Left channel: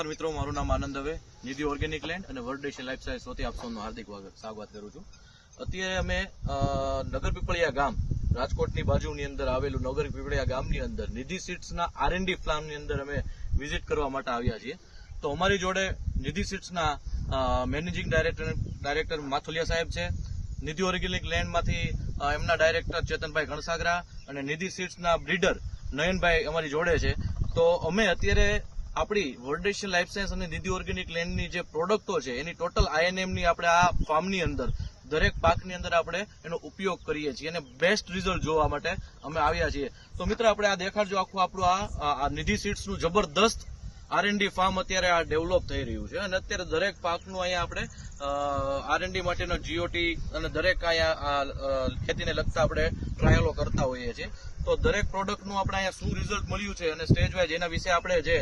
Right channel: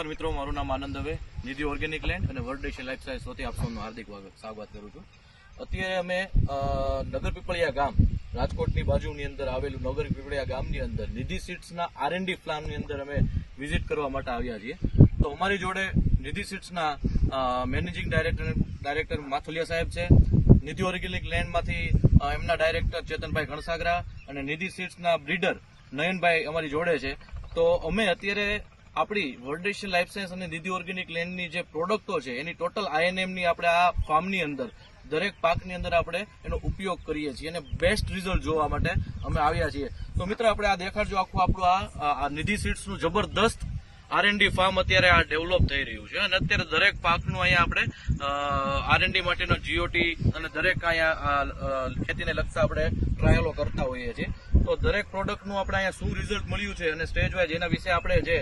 નમસ્કાર મિત્રો, મારું નામ આનંદ દવે, નિધિ ઓર્ગેનિક લેન્ડ અને વર્લ્ડ લાઈફ સાયન્સ વતી આપ સૌનું હાર્દિક સ્વાગત કરું છું. અત્યારે અમે નગર પીપળિયા ગામ, રાજકોટની બાજુની અંદર આવેલું નગર પીપળિયા ગામની અંદર નિધિ સીડ્સના R&D ફાર્મની અંદર અમે વિઝિટ કરવા માટે આવ્યા છીએ. તો અમારી જોડે નિધિ સીડ્સના મેનેજિંગ ડાયરેક્ટર માથુલિયા સાહેબ છે, નિધિ ઓર્ગેનિક લેન્ડમાંથી એમના ડાયરેક્ટર ચેતનભાઈ ગણસાગરા અને નિધિ સીડ્સના બ્રીડર નયનભાઈ અમારી જોડે છે. તો અમે અત્યારે આપણી વર્લ્ડ લાઈફ સાયન્સ અને નિધિ ઓર્ગેનિક લેન્ડની જે પ્રોડક્ટો છે એની ટોટલ INM ની આપણે આ ફાર્મની અંદર દરેક પાકની અંદર આપણે એનો ઉપયોગ કરીએ છીએ અને બેસ્ટ રિઝલ્ટ જોવા માટે અમે આવ્યા છીએ. તો મિત્ર, આપણે આ દેખાડજો આખું આપણું આ નિધિ સીડ્સનું જબરદસ્ત R&D ફાર્મ અત્યારે આ ડેવલપ થઈ રહ્યું છે અને અત્યારે દરેક પાકનું અહીંયા આપણે R&D માટેનો GOT અને દરેક અહીંયા ખેતીને લગતા આપણે ટ્રાયલો કરતા હોઈએ છીએ. તો દરેક પ્રોડક્ટનું આપણે અહીંયા શું રિઝલ્ટ મળ્યું છે અને સ્ટેજ વાઇઝ એના વિશે આપણે જે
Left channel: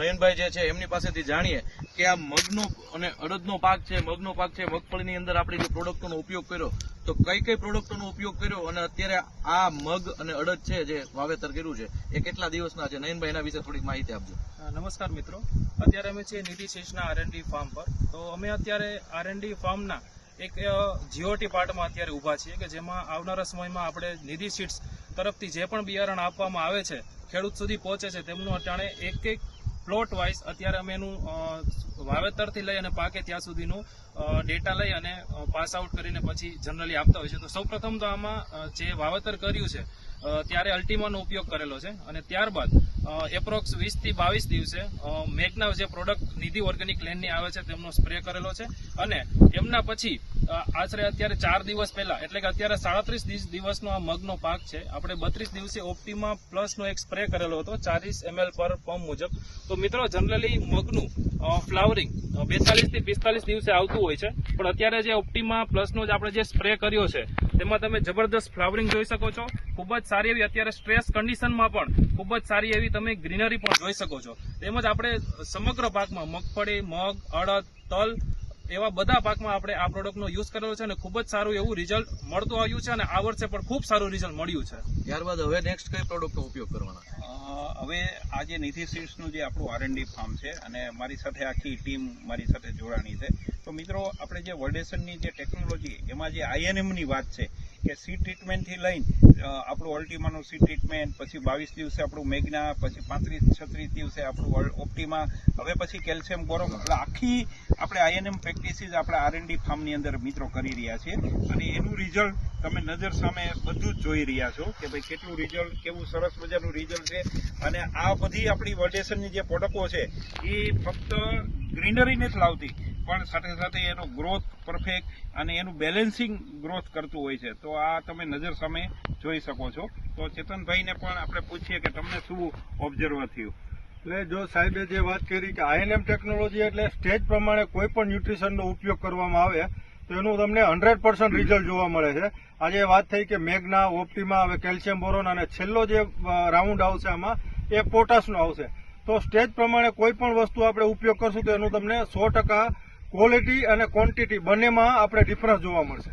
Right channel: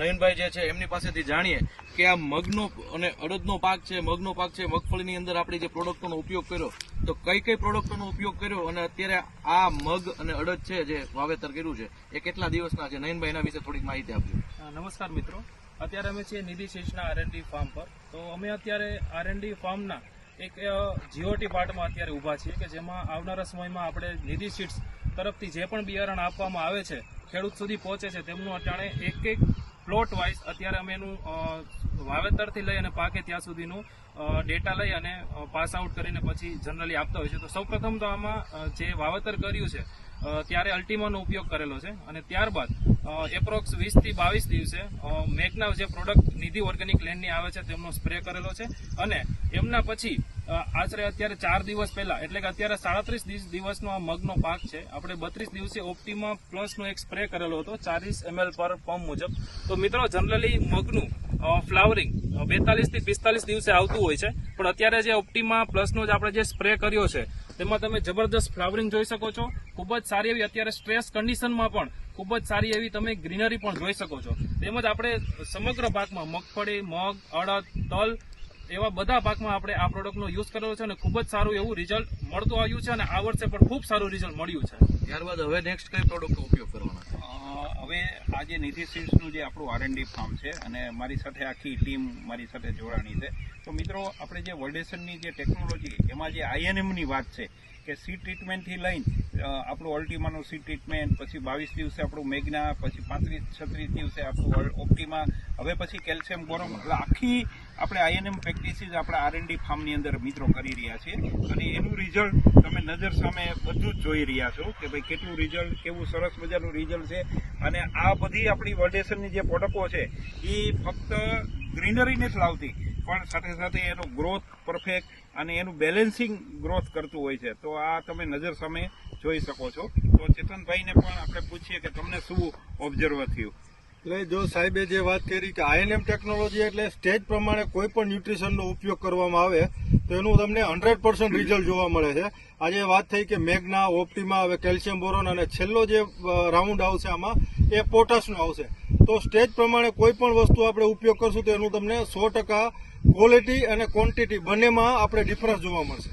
નયનભાઈ જે છે એમની પાસેથી જાણીએ કે આ મગનો અને અડદનો પાક છે, મગફળીની અંદર આપણે જે પ્રોડક્ટોનો ઉપયોગ કર્યો, તો કઈ કઈ પ્રોડક્ટોનો ઉપયોગ કર્યો અને અત્યારે આ મગ અને અડદ છે જે વાવેતર કર્યું છે એ કેટલા દિવસના છે? નયનભાઈ, એના વિશે થોડીક માહિતી આપજો. નમસ્કાર મિત્રો, અત્યારે અમે છીએ નિધિ સીડ્સના R&D ફાર્મ પર. તો અમે અત્યારે R&D ફાર્મના એક GOT પાર્ટમાં અત્યારે ઊભા છીએ કે જેમાં આવનારા સમયમાં આપણે નિધિ સીડ્સ તરફથી જે પણ બિયારણ આપવામાં આવે છે ખેડૂત સુધી પહોંચે છે તેમનું અટાણે એક પ્લોટ વાઇઝ અત્યારે અમે એનું વાવેતરથી લઈ અને પાકે ત્યાં સુધીનું ડેટા લઈ અને પાસ આઉટ કરીને પછી જનરલી આપતા હોય છે. તો સૌપ્રથમ તો આમાં જે વાવેતર કર્યું છે ત્યારે અલ્ટિમાનો ઉપયોગ કરેલો છે અને ત્યારબાદ એપ્રોક્સ 20 થી 22 દિવસે મેગના જે પ્રોડક્ટ નિધિ ઓર્ગેનિક લેન્ડની આવે છે તેમનો સ્પ્રે કરેલો છે અને એમના પછી આશરે અત્યારે 4 દિવસ પહેલા, એટલે કે અત્યારે 37 દિવસનો આ મગનો પાક છે, આપણે 32 દિવસે ઓપ્ટિમા પ્લસનો એક સ્પ્રે કરેલો હતો 40 ml પર પંપ મુજબ. તો મિત્રો, જનરલી મગનું ફ્લાવરિંગ 42 થી 45 દિવસે આવતું હોય છે, પણ અત્યારે જે ઓપ્ટિમા પ્લસનો જ આપણે જે સ્પ્રે કર્યો છે તેમાં તમે જબરદસ્ત ફ્લાવરિંગ જોઈ શકો છો. ખૂબ જ સારી એવી અત્યારે સ્ટ્રેસ કન્ડિશનમાં પણ ખૂબ જ સારી એવી તમે ગ્રીનરી પણ જોઈ શકો છો. તેમજ આપણે સમગ્ર પાકમાં મગફળી, મગ, અડદ, તલ એવા બધા પાકમાં આપણે આ પ્રોડક્ટનો યુઝ કરેલો છે અને ખૂબ જ સારું એવું રિઝલ્ટ મળતું આવ્યું છે અને આ વર્ષે પણ ખૂબ સારું રિઝલ્ટ મળ્યું છે. ત્યારબાદ હવે નેક્સ્ટ કઈ પ્રોડક્ટનો ઉપયોગ કરવાના છે? હવે આજે નિધિ સીડ્સનું જે આપણું R&D ફાર્મ છે અને મારી સાથે આખી ટીમ મારી સાથે જોડાણી છે. તો મિત્રો, આપણે જે વર્લ્ડેશનની જે ટેકનોલોજી એમાં જે INMની વાત છે કે સીડ ટ્રીટમેન્ટથી લઈને આપણું અલ્ટિમાનું સીડ ટ્રીટમેન્ટ, પછી 22 દિવસે આપણું મેગ્ના, પછી 35-36 દિવસે આપણું ઓપ્ટિમા, હવે પછી કેલ્શિયમ બોરોન, એટલે આખી આપણે INM પ્રેક્ટિસીસ આપણા R&D ફાર્મની અંદર મિત્રો કરી રહ્યા છીએ અને એનું રિઝલ્ટ તમે નજર સામે બધું જ જોઈ રહ્યા છો કે ભાઈ કેટલું રિઝલ્ટ, કેવું સરસ મજાનું રિઝલ્ટ છે. અને આ બધી આપણી વર્લ્ડેશનની જે પ્રોડક્ટો છે એ ફક્ત ગ્રીનરી નથી લાવતી, પણ સાથે સાથે એનો ગ્રોથ પરફેક્ટ અને એનું બેલેન્સિંગ ગ્રોથ કરતું હોય છે. તો આ તમે નજર સામે જોઈ શકો છો. તો ચેતનભાઈને પણ આપણે પૂછીએ કે તમને શું ઓબ્ઝર્વ થયું? એટલે જો સાહેબે જે વાત કરી કે INM ટેકનોલોજી એટલે સ્ટેજ પ્રમાણે કોઈ પણ ન્યુટ્રિશનનો ઉપયોગ કરવામાં આવે તો એનું તમને 100% રિઝલ્ટ જોવા મળે છે. આજે વાત થઈ કે મેગ્ના, ઓપ્ટિમા, હવે કેલ્શિયમ બોરોન અને છેલ્લો જે રાઉન્ડ આવશે આમાં એ પોટાશનો આવશે. તો સ્ટેજ પ્રમાણે કોઈ પણ વસ્તુ આપણે ઉપયોગ કરશું તો એનું તમને 100% ક્વોલિટી અને ક્વોન્ટિટી બંનેમાં આપણે ડિફરન્સ જોવા મળશે.